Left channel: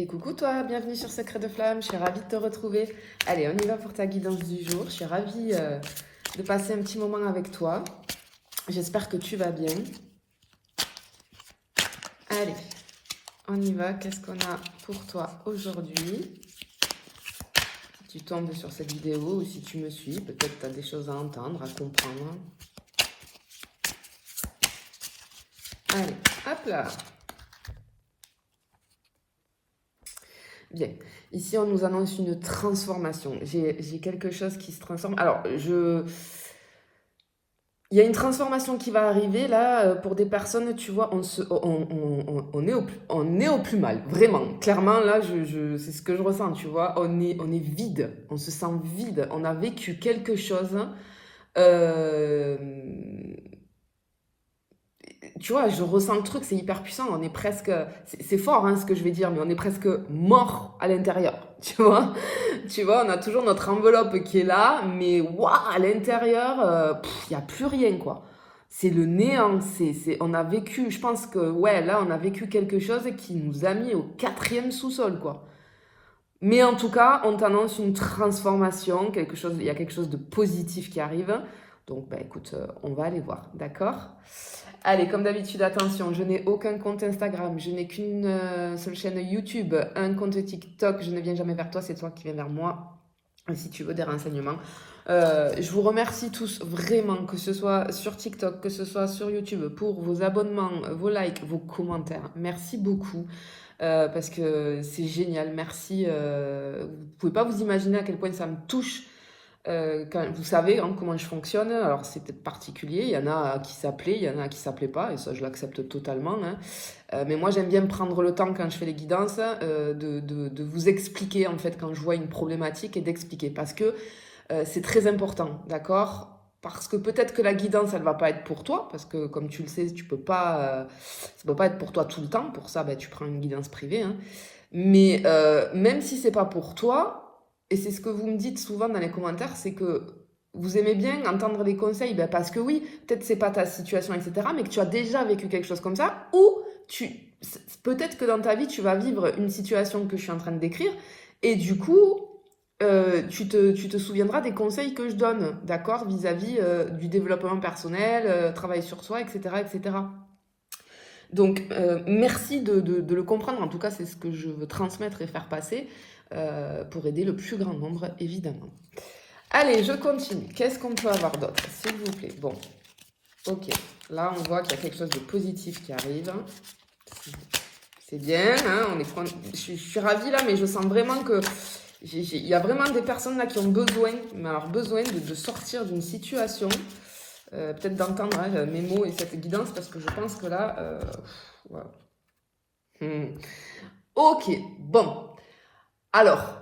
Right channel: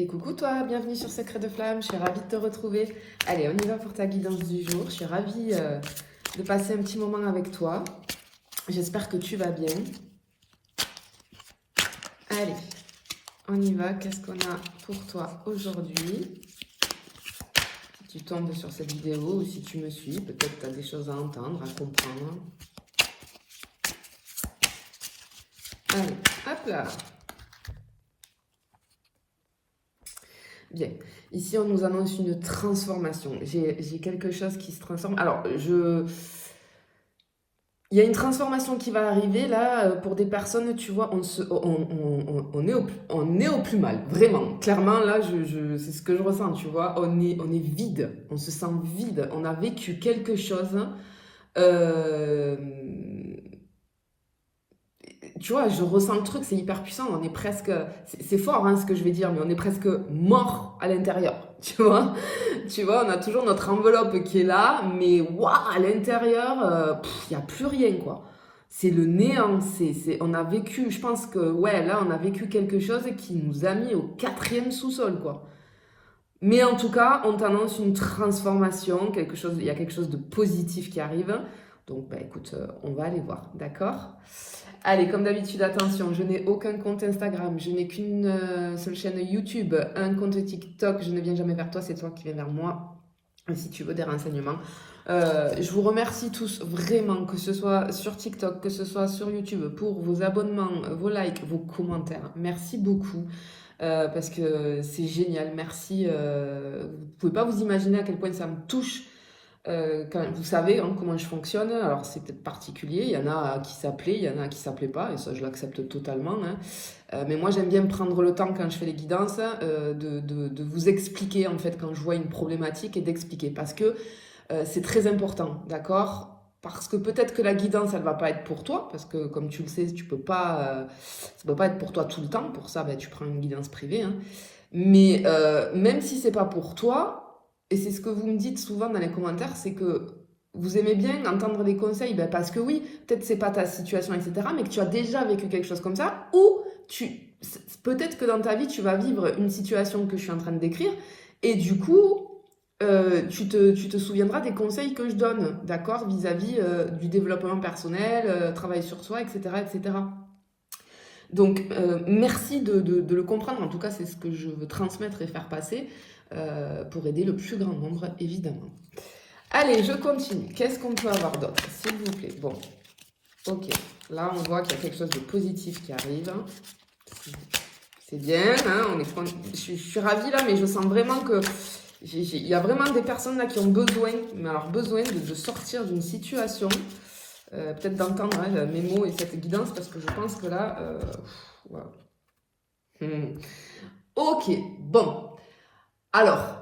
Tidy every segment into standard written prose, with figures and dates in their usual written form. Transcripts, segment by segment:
Et coucou toi, bienvenue sur Secret de Flamme, je suis ravie de te retrouver. Allez, on y va pour ta guidance du jour. Je suis ravie de passer un petit moment avec toi. J'espère que tu vas bien. Allez, on y va. Qu'est-ce qu'on a pour toi aujourd'hui? Si tu tombes sur cette vidéo ou si tu me suis, peut-être que tu as des choses à entendre, à comprendre. Allez, hop là. Bien, ici on nous annonce une transformation. J'ai quelque chose qui se transforme. Alors, il y a une transformation qui va arriver là pour des personnes, tu vois, on est au plus mal, vraiment. Clairement, là, c'est ce que je ressens, tu vois. On est vide, on se sent vide. On a vécu quelque chose. Tu vois, je ressens le truc, c'est hyper puissant. On est presque, c'est fort hein, ce que je vais dire, mais on est presque mort à l'intérieur. Tu vois, on a toujours notre enveloppe qui est là, mais waouh, à l'intérieur, il n'y a plus rien quoi. C'est le néant. On a vécu, je pense que ouais, là, on a vécu quelque chose qui nous a mis au 4e sous-sol quoi. Mais en tout cas, on t'annonce une transformation, il y a quelque chose de positif qui arrive. Donc, bah, écoute, on va aller voir, d'accord? Allez, comme d'habitude, attention, je n'ai aucun compte Instagram, je n'ai qu'une seule chaîne YouTube, un compte TikTok, je ne viens jamais vers toi, c'est toi qui viens vers moi, si tu veux des renseignements. Je vous remercie tous vraiment, que ce soit sur TikTok, que ce soit sur YouTube, pour vos abonnements, vos likes, vos commentaires. Merci beaucoup. Parce que c'est génial, merci. Vous ne pouvez pas vous imaginer à quel point ça me touche. Quand vous savez hein, comment je fonctionne, alors c'est peut-être particulier, il y en a qui s'appelaient, il y en a qui ne s'appelaient pas, et ça je l'accepte totalement. Hein. Mais moi j'aime bien prendre le temps quand je fais les guidances de vous expliquer en fait quand je vois une problématique et d'expliquer. Parce que c'est très important, d'accord ? Parce que peut-être que la guidance, elle ne va pas être pour toi, parce que comme tu le sais, ça ne peut pas être pour toi tout le temps. Pour ça, ben, tu prends une guidance privée. Hein. Mais même si ce n'est pas pour toi, et c'est ce que vous me dites souvent dans les commentaires, c'est que vous aimez bien entendre les conseils, ben parce que oui, peut-être c'est pas ta situation, etc., mais que tu as déjà vécu quelque chose comme ça, ou peut-être que dans ta vie, tu vas vivre une situation que je suis en train de décrire, et du coup, tu te souviendras des conseils que je donne, d'accord, vis-à-vis du développement personnel, travail sur soi, etc., etc. Donc, merci de le comprendre. En tout cas, c'est ce que je veux transmettre et faire passer pour aider le plus grand nombre, évidemment. Allez, je continue. Qu'est-ce qu'on peut avoir d'autre, s'il vous plaît? Bon, ok. Là, on voit qu'il y a quelque chose de positif qui arrive. C'est bien, hein, je suis ravie là, mais je sens vraiment que il y a vraiment des personnes là qui ont besoin, mais alors besoin de sortir d'une situation, peut-être d'entendre hein, mes mots et cette guidance, parce que je pense que là, voilà. Ok, bon. Alors,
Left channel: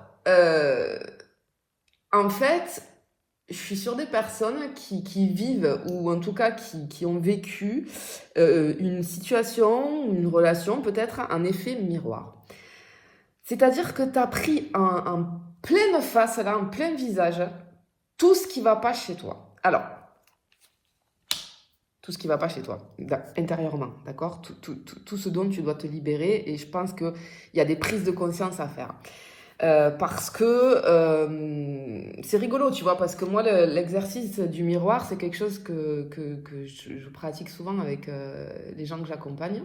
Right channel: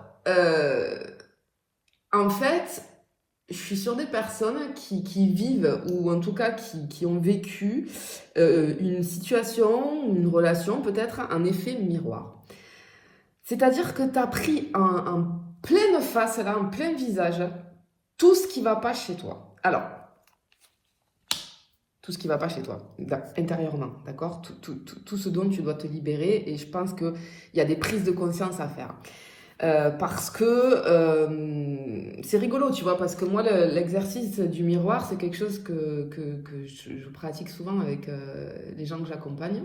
en fait, je suis sur des personnes qui vivent, ou en tout cas qui ont vécu une situation, une relation, peut-être un effet miroir. C'est-à-dire que tu as pris en pleine face, là, en plein visage, tout ce qui ne va pas chez toi. Alors, tout ce qui ne va pas chez toi, intérieurement, d'accord, tout ce dont tu dois te libérer, et je pense qu'il y a des prises de conscience à faire. Parce que c'est rigolo, tu vois, parce que moi, l'exercice du miroir, c'est quelque chose que je pratique souvent avec les gens que j'accompagne.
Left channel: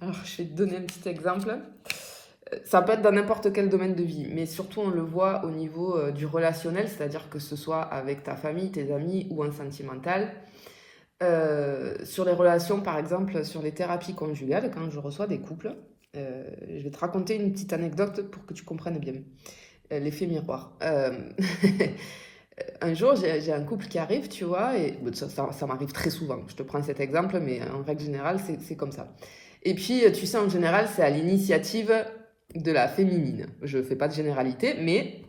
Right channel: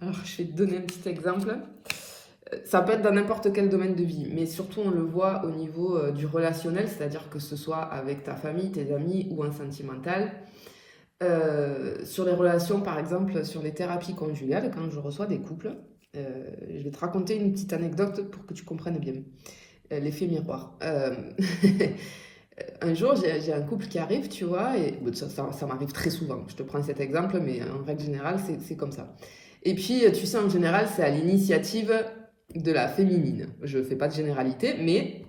Alors, je vais te donner un petit exemple. Ça peut être dans n'importe quel domaine de vie, mais surtout on le voit au niveau du relationnel, c'est-à-dire que ce soit avec ta famille, tes amis ou en sentimental. Sur les relations, par exemple, sur les thérapies conjugales, quand je reçois des couples, je vais te raconter une petite anecdote pour que tu comprennes bien l'effet miroir. Un jour, j'ai un couple qui arrive, tu vois, et ça m'arrive très souvent. Je te prends cet exemple, mais en règle générale, c'est comme ça. Et puis, tu sais, en général, c'est à l'initiative de la féminine. Je ne fais pas de généralité, mais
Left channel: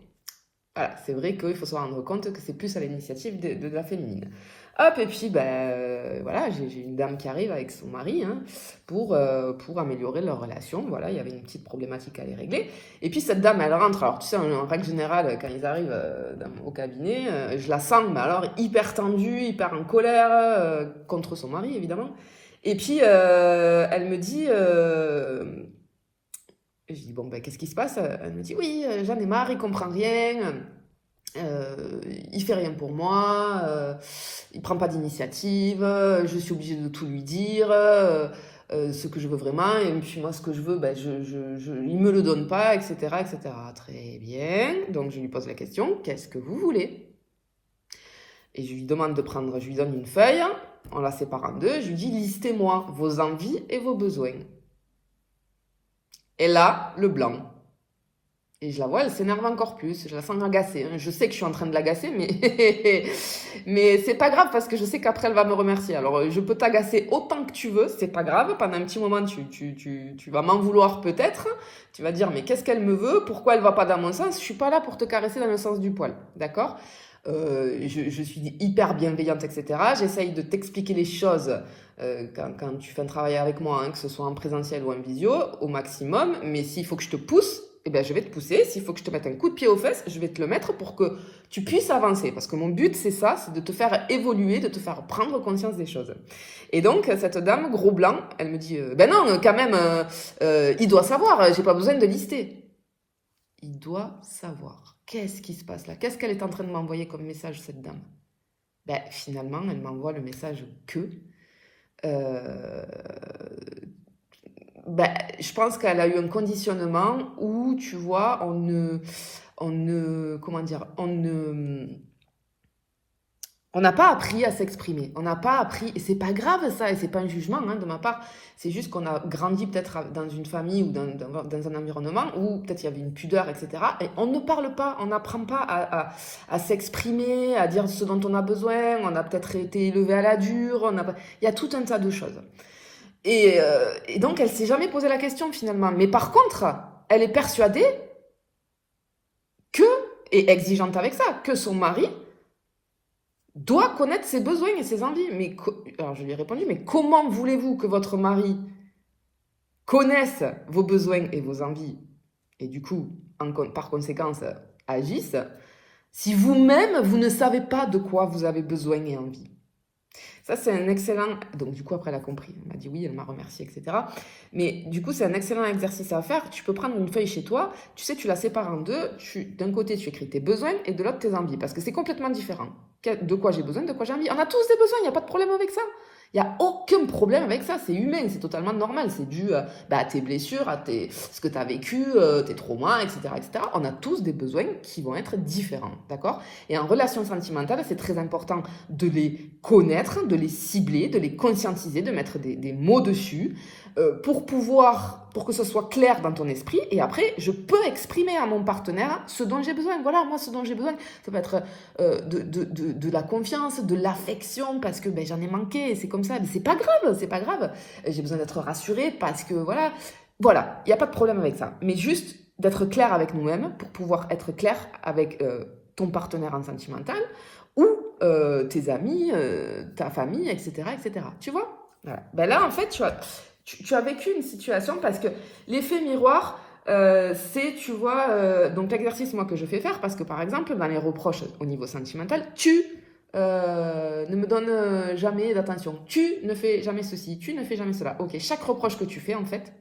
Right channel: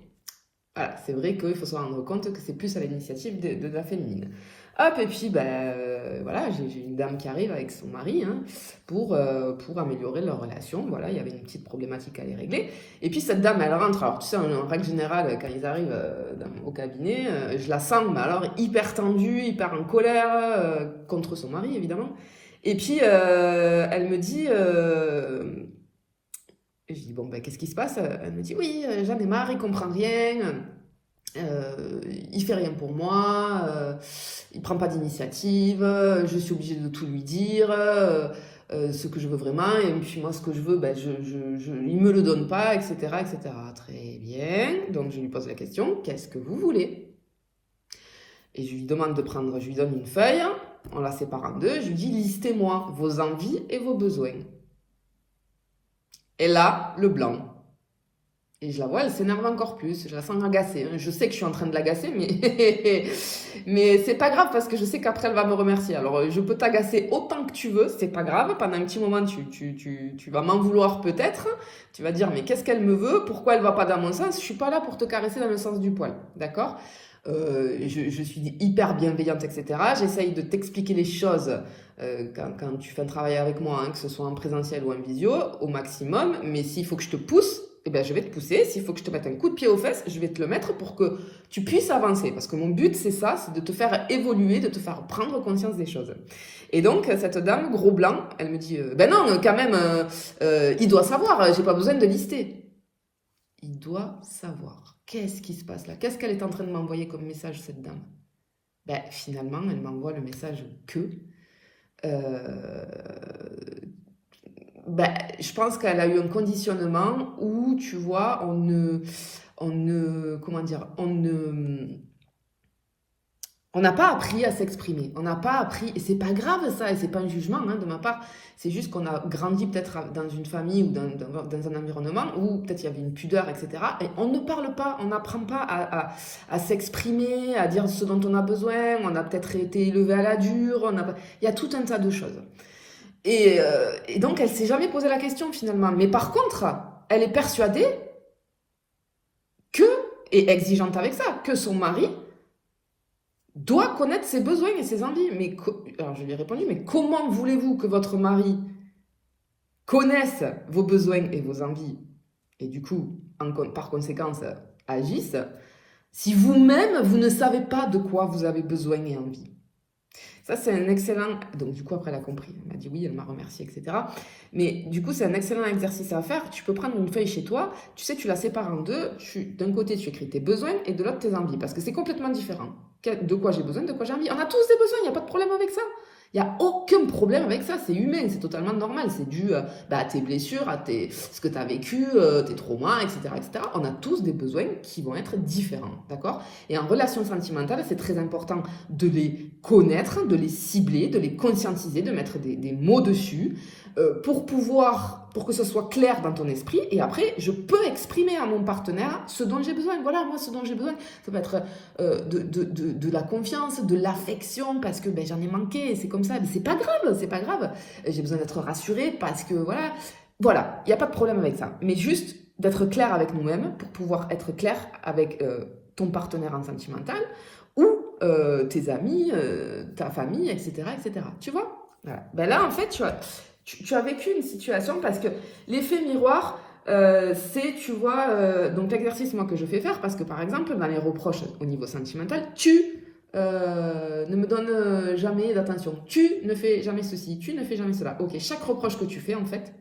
voilà, c'est vrai qu'il faut se rendre compte que c'est plus à l'initiative de la féminine. Hop, et puis, voilà, j'ai une dame qui arrive avec son mari hein, pour améliorer leur relation. Voilà, il y avait une petite problématique à les régler. Et puis, cette dame, elle rentre. Alors, tu sais, en règle générale, quand ils arrivent au cabinet, je la sens, mais alors, hyper tendue, hyper en colère, contre son mari, évidemment. Et puis, elle me dit, et je dis, bon, ben, qu'est-ce qui se passe? Elle me dit, oui, j'en ai marre, il comprend rien, il fait rien pour moi, il prend pas d'initiative, je suis obligée de tout lui dire, ce que je veux vraiment, et puis moi, ce que je veux, ben, il me le donne pas, etc., etc. Très bien, donc je lui pose la question, qu'est-ce que vous voulez? Et je lui demande de prendre, je lui donne une feuille, on la sépare en deux, je lui dis, listez-moi vos envies et vos besoins. Et là, le blanc. Et je la vois, elle s'énerve encore plus, je la sens agacée. Je sais que je suis en train de l'agacer, mais, mais c'est pas grave parce que je sais qu'après elle va me remercier. Alors je peux t'agacer autant que tu veux, c'est pas grave. Pendant un petit moment, tu vas m'en vouloir peut-être. Tu vas dire, mais qu'est-ce qu'elle me veut? Pourquoi elle va pas dans mon sens? Je suis pas là pour te caresser dans le sens du poil, d'accord? Je suis hyper bienveillante, etc. J'essaye de t'expliquer les choses quand tu fais un travail avec moi, hein, que ce soit en présentiel ou en visio, au maximum. Mais s'il faut que je te pousse, eh ben, je vais te pousser. S'il faut que je te mette un coup de pied aux fesses, je vais te le mettre pour que tu puisses avancer. Parce que mon but, c'est ça, c'est de te faire évoluer, de te faire prendre conscience des choses. Et donc, cette dame, gros blanc, elle me dit, ben non, quand même, il doit savoir, j'ai pas besoin de lister. Il doit savoir. Qu'est-ce qui se passe là? Qu'est-ce qu'elle est en train de m'envoyer comme message, cette dame? Ben, finalement, elle m'envoie le message que... ben, je pense qu'elle a eu un conditionnement où, tu vois, comment dire, on n'a pas appris à s'exprimer, on n'a pas appris, et c'est pas grave ça, et c'est pas un jugement hein, de ma part, c'est juste qu'on a grandi peut-être dans une famille ou dans un environnement où peut-être il y avait une pudeur, etc. Et on ne parle pas, on n'apprend pas à s'exprimer, à dire ce dont on a besoin, on a peut-être été élevé à la dure, il y a tout un tas de choses. Et donc elle s'est jamais posé la question finalement, mais par contre, elle est persuadée que, et exigeante avec ça, que son mari doit connaître ses besoins et ses envies. Alors je lui ai répondu, mais comment voulez-vous que votre mari connaisse vos besoins et vos envies et du coup, par conséquence, agisse, si vous-même, vous ne savez pas de quoi vous avez besoin et envie? Ça, c'est un excellent... Donc, du coup, après, elle a compris. Elle m'a dit oui, elle m'a remercié, etc. Mais du coup, c'est un excellent exercice à faire. Tu peux prendre une feuille chez toi. Tu sais, tu la sépares en deux. D'un côté, tu écris tes besoins et de l'autre, tes envies. Parce que c'est complètement différent. De quoi j'ai besoin, de quoi j'ai envie. On a tous des besoins. Il n'y a pas de problème avec ça. Il n'y a aucun problème avec ça. C'est humain. C'est totalement normal. C'est dû à tes blessures, ce que tu as vécu, tes traumas, etc., etc. On a tous des besoins qui vont être différents. D'accord? Et en relation sentimentale, c'est très important de les connaître, de les cibler, de les conscientiser, de mettre des mots dessus pour que ce soit clair dans ton esprit. Et après, je peux exprimer à mon partenaire ce dont j'ai besoin. Voilà, moi, ce dont j'ai besoin, ça peut être de la confiance, de l'affection, parce que ben, j'en ai manqué, c'est comme ça. Mais c'est pas grave, c'est pas grave. J'ai besoin d'être rassurée parce que voilà, il n'y a pas de problème avec ça. Mais juste d'être clair avec nous-mêmes pour pouvoir être clair avec ton partenaire en sentimental ou tes amis, ta famille, etc., etc. Tu vois? Voilà. Ben là, en fait, tu as vécu une situation parce que l'effet miroir, c'est, tu vois, donc l'exercice, moi, que je fais faire, parce que, par exemple, dans les reproches au niveau sentimental, tu ne me donnes jamais d'attention, tu ne fais jamais ceci, tu ne fais jamais cela. Ok, chaque reproche que tu fais, en fait,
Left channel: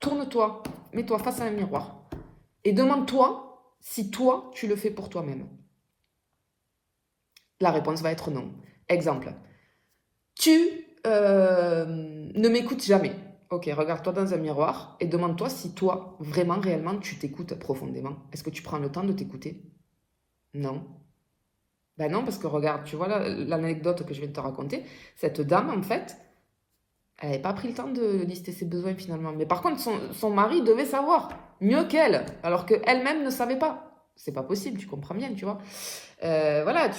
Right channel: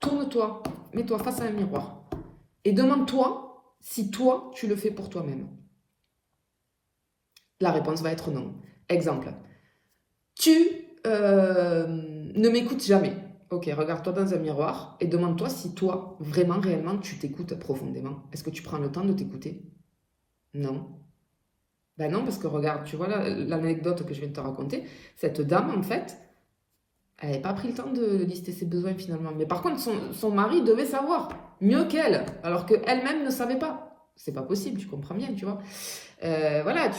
tourne-toi, mets-toi face à un miroir et demande-toi si toi, tu le fais pour toi-même. La réponse va être non. Exemple, tu ne m'écoutes jamais. Ok, regarde-toi dans un miroir et demande-toi si toi, vraiment, réellement, tu t'écoutes profondément. Est-ce que tu prends le temps de t'écouter? Non. Ben non, parce que regarde, tu vois l'anecdote que je viens de te raconter, cette dame, en fait, elle n'avait pas pris le temps de lister ses besoins finalement. Mais par contre, son mari devait savoir, mieux qu'elle, alors qu'elle-même ne savait pas. C'est pas possible, tu comprends bien, tu vois. Voilà,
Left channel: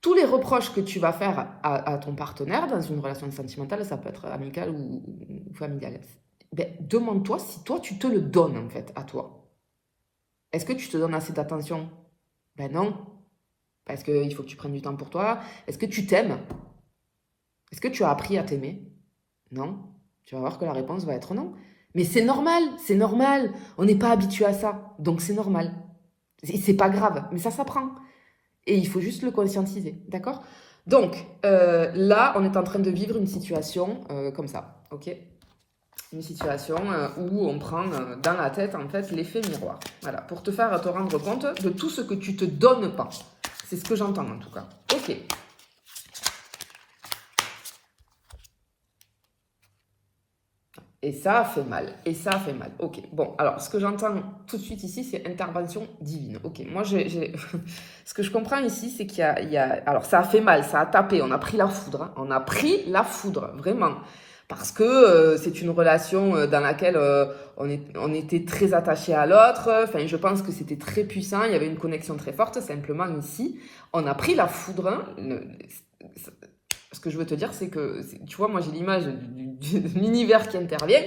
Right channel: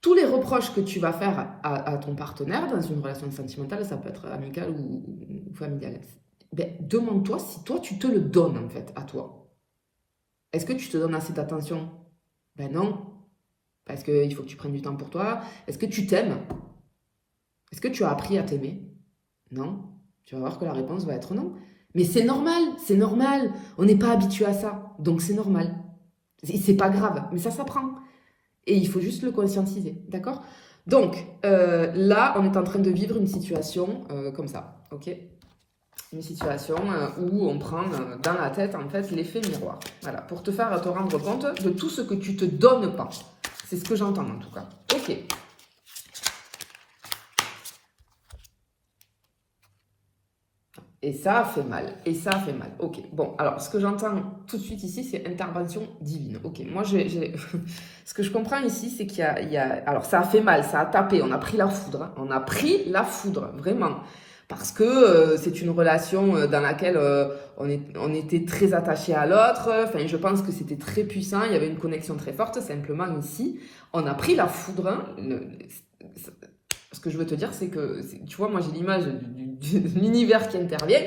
tous les reproches que tu vas faire à ton partenaire dans une relation sentimentale, ça peut être amicale ou familiale, ben, demande-toi si toi, tu te le donnes en fait à toi. Est-ce que tu te donnes assez d'attention? Ben non, parce qu'il faut que tu prennes du temps pour toi. Est-ce que tu t'aimes? Est-ce que tu as appris à t'aimer? Non. Tu vas voir que la réponse va être non. Mais c'est normal, c'est normal. On n'est pas habitué à ça, donc c'est normal. C'est pas grave, mais ça s'apprend. Et il faut juste le conscientiser, d'accord? Donc, là, on est en train de vivre une situation comme ça, ok? Une situation où on prend dans la tête, en fait, l'effet miroir. Voilà, pour te faire te rendre compte de tout ce que tu te donnes pas. C'est ce que j'entends, en tout cas. Ok. Et ça fait mal. Et ça fait mal. Ok. Bon, alors, ce que j'entends tout de suite ici, c'est intervention divine. Ok. Moi, ce que je comprends ici, c'est qu'il y a... Alors, ça a fait mal, ça a tapé. On a pris la foudre. Hein. On a pris la foudre, vraiment. Parce que c'est une relation dans laquelle on était très attaché à l'autre. Enfin, je pense que c'était très puissant. Il y avait une connexion très forte. Simplement, ici, on a pris la foudre. Hein. Ce que je veux te dire, c'est que, tu vois, moi j'ai l'image de l'univers qui intervient,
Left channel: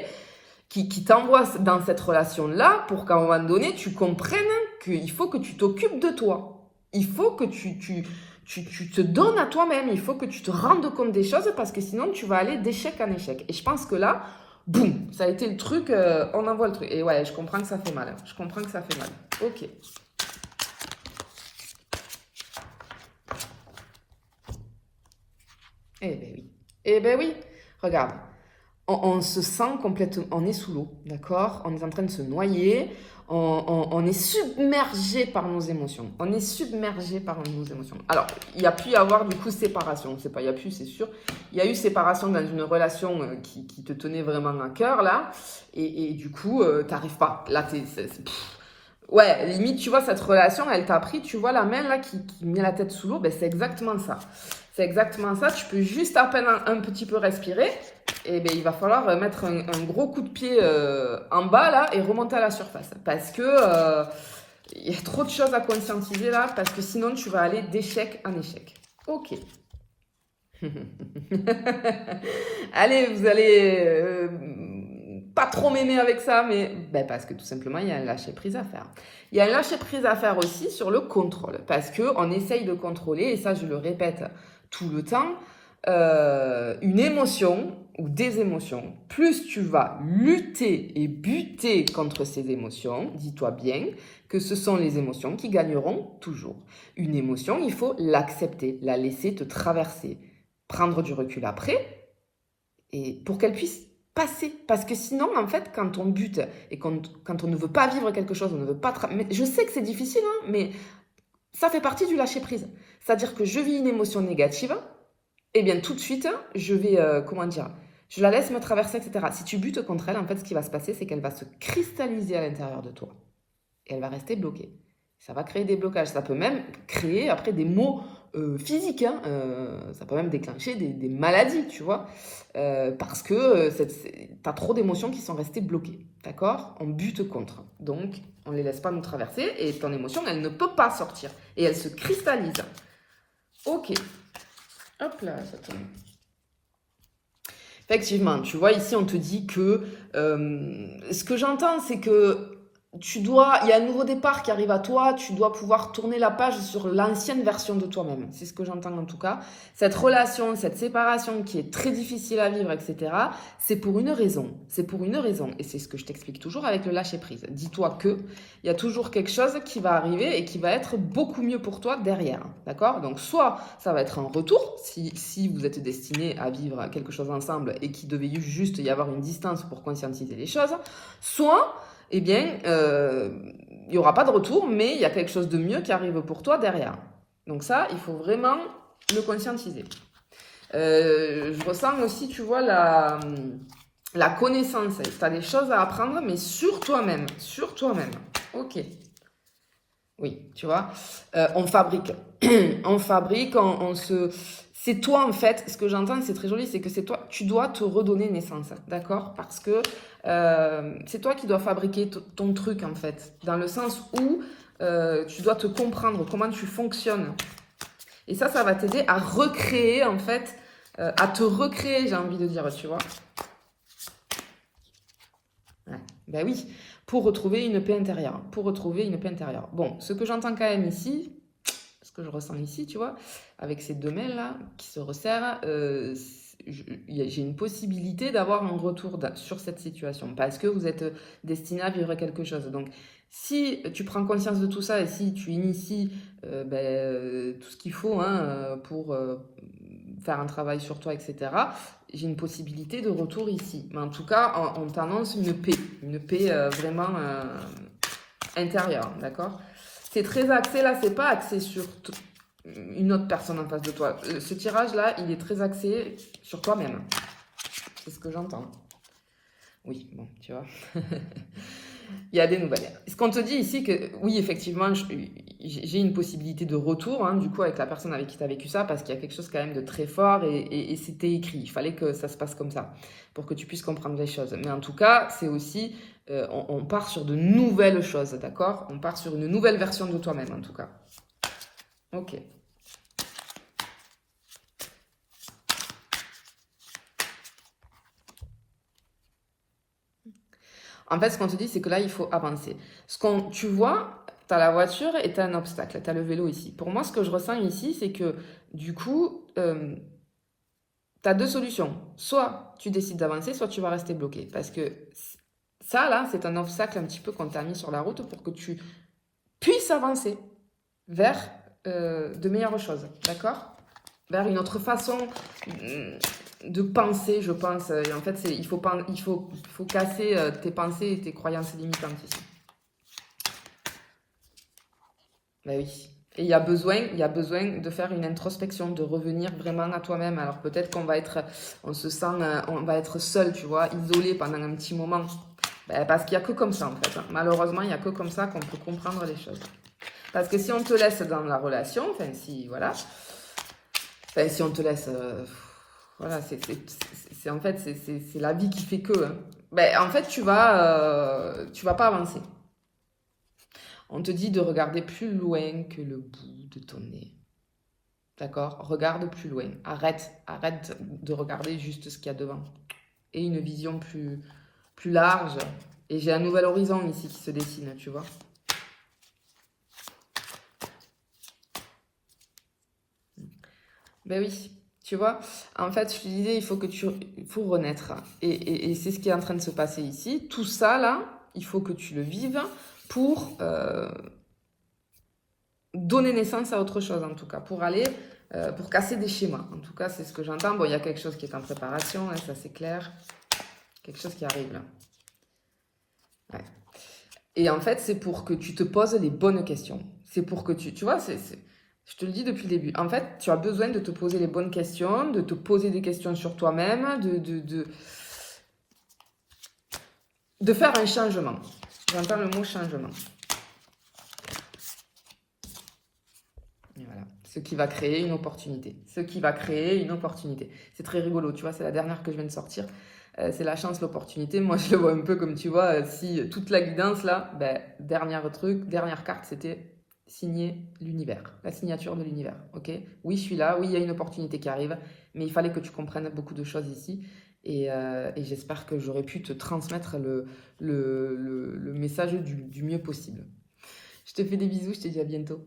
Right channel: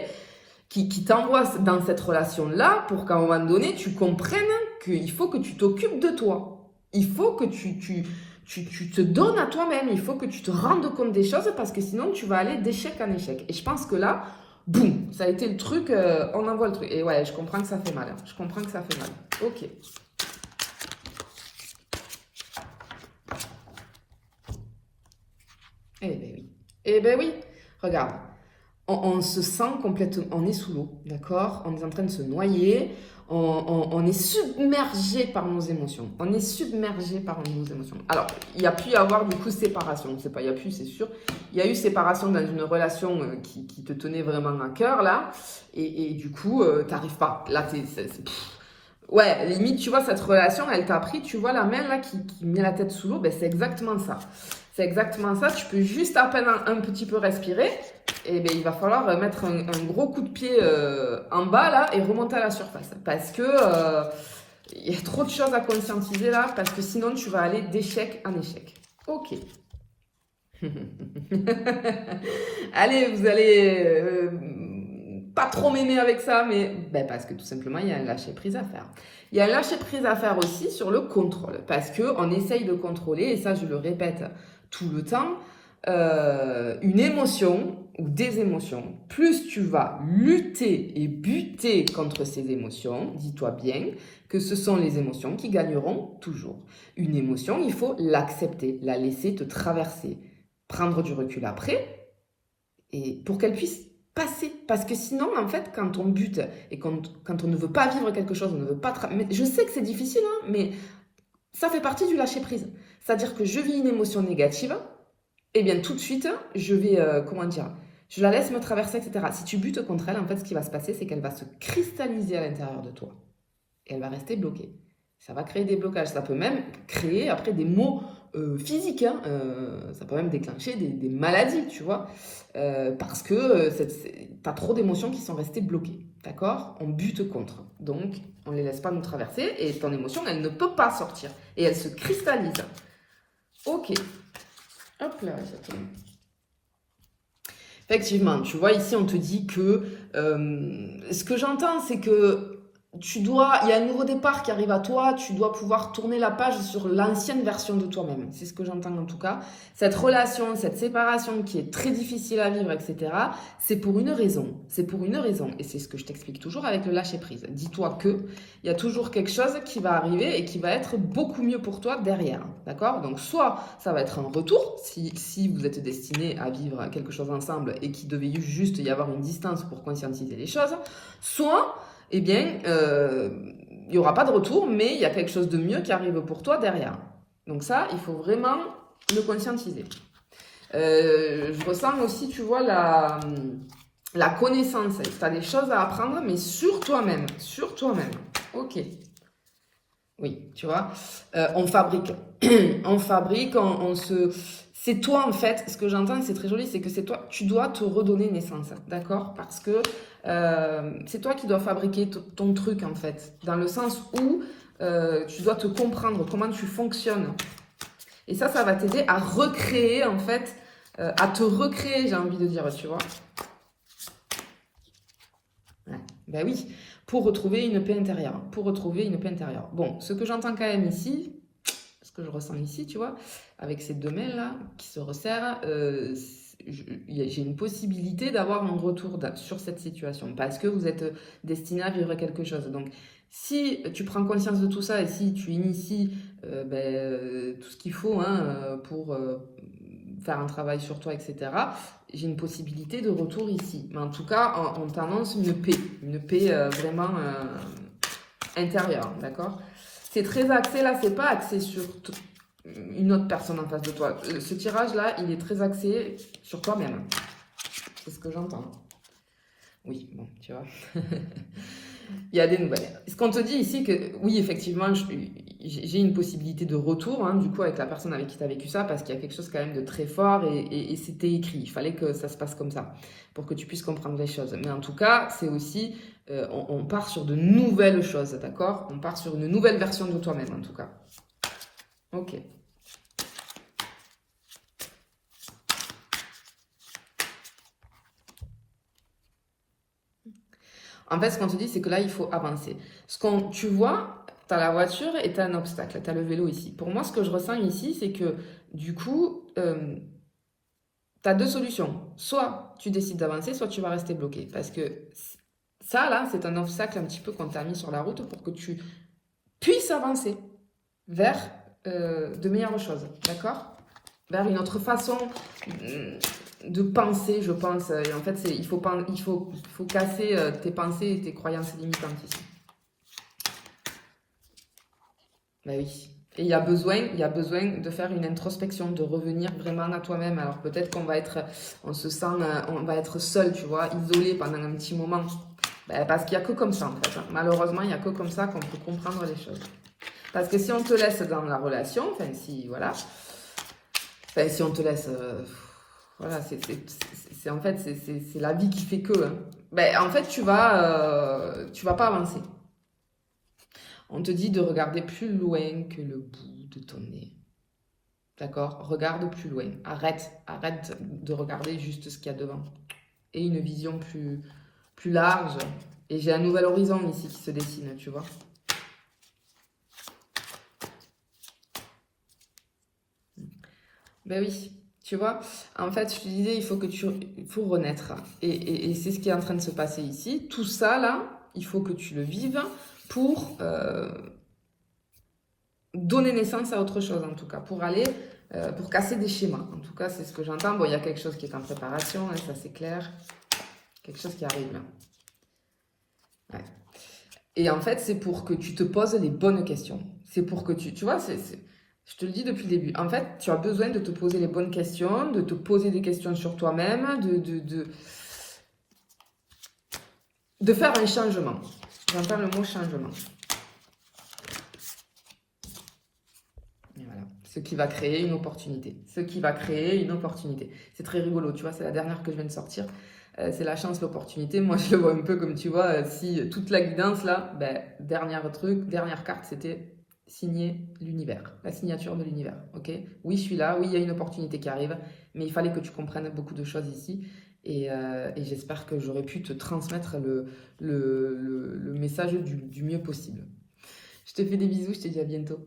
qui t'envoie dans cette relation-là pour qu'à un moment donné, tu comprennes qu'il faut que tu t'occupes de toi. Il faut que tu te donnes à toi-même. Il faut que tu te rendes compte des choses parce que sinon, tu vas aller d'échec en échec. Et je pense que là, boum, ça a été le truc, on envoie le truc. Et ouais, je comprends que ça fait mal. Je comprends que ça fait mal. Ok. Eh ben oui. Eh ben oui. Regarde, on se sent complètement, on est sous l'eau, d'accord? On est en train de se noyer, on est submergé par nos émotions. On est submergé par nos émotions. Alors, il y a pu y avoir du coup séparation. C'est pas, il y a plus, c'est sûr. Il y a eu séparation dans une relation qui te tenait vraiment à cœur là, et du coup, t'arrives pas. Là, ouais, limite, tu vois, cette relation, elle t'a pris, tu vois, la main là qui met la tête sous l'eau, ben c'est exactement ça. C'est exactement ça. Tu peux juste à peine un petit peu respirer. Et ben, il va falloir mettre un gros coup de pied en bas là et remonter à la surface. Parce que il y a trop de choses à conscientiser là. Parce que sinon, tu vas aller d'échec en échec. Ok. Allez, vous allez pas trop m'aimer avec ça, mais ben, parce que tout simplement, il y a un lâcher prise à faire. Il y a un lâcher prise à faire aussi sur le contrôle. Parce qu'on essaye de contrôler, et ça, je le répète tout le temps, une émotion ou des émotions, plus tu vas lutter et buter contre ces émotions, dis-toi bien que ce sont les émotions qui gagneront toujours. Une émotion, il faut l'accepter, la laisser te traverser, prendre du recul après, et pour qu'elle puisse passer. Parce que sinon, en fait, quand on bute et quand on ne veut pas vivre quelque chose, on ne veut pas... Mais je sais que c'est difficile, hein, mais ça fait partie du lâcher-prise. C'est-à-dire que je vis une émotion négative, eh bien, tout de suite, je vais, comment dire, je la laisse me traverser, etc. Si tu butes contre elle, en fait, ce qui va se passer, c'est qu'elle va se cristalliser à l'intérieur de toi. Et elle va rester bloquée. Ça va créer des blocages. Ça peut même créer, après, des maux physiques. Hein. Ça peut même déclencher des maladies, tu vois. Parce que tu as trop d'émotions qui sont restées bloquées. D'accord? On bute contre. Donc, on ne les laisse pas nous traverser. Et ton émotion, elle ne peut pas sortir. Et elle se cristallise. Ok. Hop là, ça tombe. Effectivement, tu vois, ici, on te dit que... ce que j'entends, c'est que il y a un nouveau départ qui arrive à toi, tu dois pouvoir tourner la page sur l'ancienne version de toi-même. C'est ce que j'entends en tout cas. Cette relation, cette séparation qui est très difficile à vivre, etc., c'est pour une raison. C'est pour une raison. Et c'est ce que je t'explique toujours avec le lâcher-prise. Dis-toi que il y a toujours quelque chose qui va arriver et qui va être beaucoup mieux pour toi derrière. D'accord? Donc, soit ça va être un retour, si vous êtes destiné à vivre quelque chose ensemble et qu'il devait juste y avoir une distance pour conscientiser les choses, soit... eh bien, il n'y aura pas de retour, mais il y a quelque chose de mieux qui arrive pour toi derrière. Donc ça, il faut vraiment le conscientiser. Je ressens aussi, tu vois, la connaissance. Tu as des choses à apprendre, mais sur toi-même. Sur toi-même. Ok. Oui, tu vois, on fabrique. On fabrique, on se... C'est toi, en fait, ce que j'entends, c'est très joli, c'est que c'est toi, tu dois te redonner naissance, d'accord? Parce que c'est toi qui dois fabriquer ton truc, en fait, dans le sens où tu dois te comprendre, comment tu fonctionnes. Et ça va t'aider à recréer, en fait, à te recréer, j'ai envie de dire, tu vois. Ouais. Ben oui, pour retrouver une paix intérieure, pour retrouver une paix intérieure. Bon, ce que j'entends quand même ici, ce que je ressens ici, tu vois, avec ces deux mains-là qui se resserrent, j'ai une possibilité d'avoir un retour sur cette situation parce que vous êtes destiné à vivre quelque chose. Donc, si tu prends conscience de tout ça et si tu inities tout ce qu'il faut hein, faire un travail sur toi, etc., j'ai une possibilité de retour ici. Mais en tout cas, on t'annonce une paix vraiment intérieure, d'accord? C'est très axé, là, c'est pas axé sur une autre personne en face de toi. Ce tirage-là, il est très axé sur toi-même. C'est ce que j'entends. Oui, bon, tu vois. Il y a des nouvelles. Ce qu'on te dit ici, que oui, effectivement, j'ai une possibilité de retour, hein, du coup, avec la personne avec qui tu as vécu ça, parce qu'il y a quelque chose quand même de très fort et c'était écrit. Il fallait que ça se passe comme ça, pour que tu puisses comprendre les choses. Mais en tout cas, c'est aussi, on part sur de nouvelles choses, d'accord? On part sur une nouvelle version de toi-même, en tout cas. Ok. En fait, ce qu'on te dit, c'est que là, il faut avancer. Tu vois, tu as la voiture et tu as un obstacle, tu as le vélo ici. Pour moi, ce que je ressens ici, c'est que du coup, tu as deux solutions. Soit tu décides d'avancer, soit tu vas rester bloqué. Parce que ça, là, c'est un obstacle un petit peu qu'on t'a mis sur la route pour que tu puisses avancer vers de meilleures choses. D'accord? Vers une autre façon de penser, je pense. En fait, il faut casser tes pensées et tes croyances limitantes ici. Ben oui. Et il y a besoin de faire une introspection, de revenir vraiment à toi-même. Alors peut-être on va être seul, tu vois, isolé pendant un petit moment. Ben, parce qu'il n'y a que comme ça, en fait. Malheureusement, il n'y a que comme ça qu'on peut comprendre les choses. Parce que si on te laisse dans la relation, enfin si, voilà, si on te laisse, voilà, en fait, c'est la vie qui fait que, hein. Ben, en fait, tu vas pas avancer. On te dit de regarder plus loin que le bout de ton nez. D'accord? Regarde plus loin. Arrête de regarder juste ce qu'il y a devant. Et une vision plus large. Et j'ai un nouvel horizon ici qui se dessine, tu vois. Ben oui, tu vois. En fait, je te disais, il faut renaître. Et c'est ce qui est en train de se passer ici. Tout ça, là, il faut que tu le vives pour donner naissance à autre chose, en tout cas. Pour casser des schémas. En tout cas, c'est ce que j'entends. Bon, il y a quelque chose qui est en préparation, hein, ça c'est clair. Quelque chose qui arrive là. Ouais. Et en fait, c'est pour que tu te poses les bonnes questions. C'est pour que tu vois, je te le dis depuis le début. En fait, tu as besoin de te poser les bonnes questions, de te poser des questions sur toi-même, de faire un changement. J'entends le mot changement. Voilà. Ce qui va créer une opportunité. C'est très rigolo, tu vois, c'est la dernière que je viens de sortir. C'est la chance, l'opportunité. Moi, je le vois un peu comme, tu vois, si toute la guidance, là, ben, dernière carte, c'était signer l'univers, la signature de l'univers, ok? Oui, je suis là, oui, il y a une opportunité qui arrive, mais il fallait que tu comprennes beaucoup de choses ici. Et j'espère que j'aurais pu te transmettre le message du mieux possible. Je te fais des bisous, je te dis à bientôt.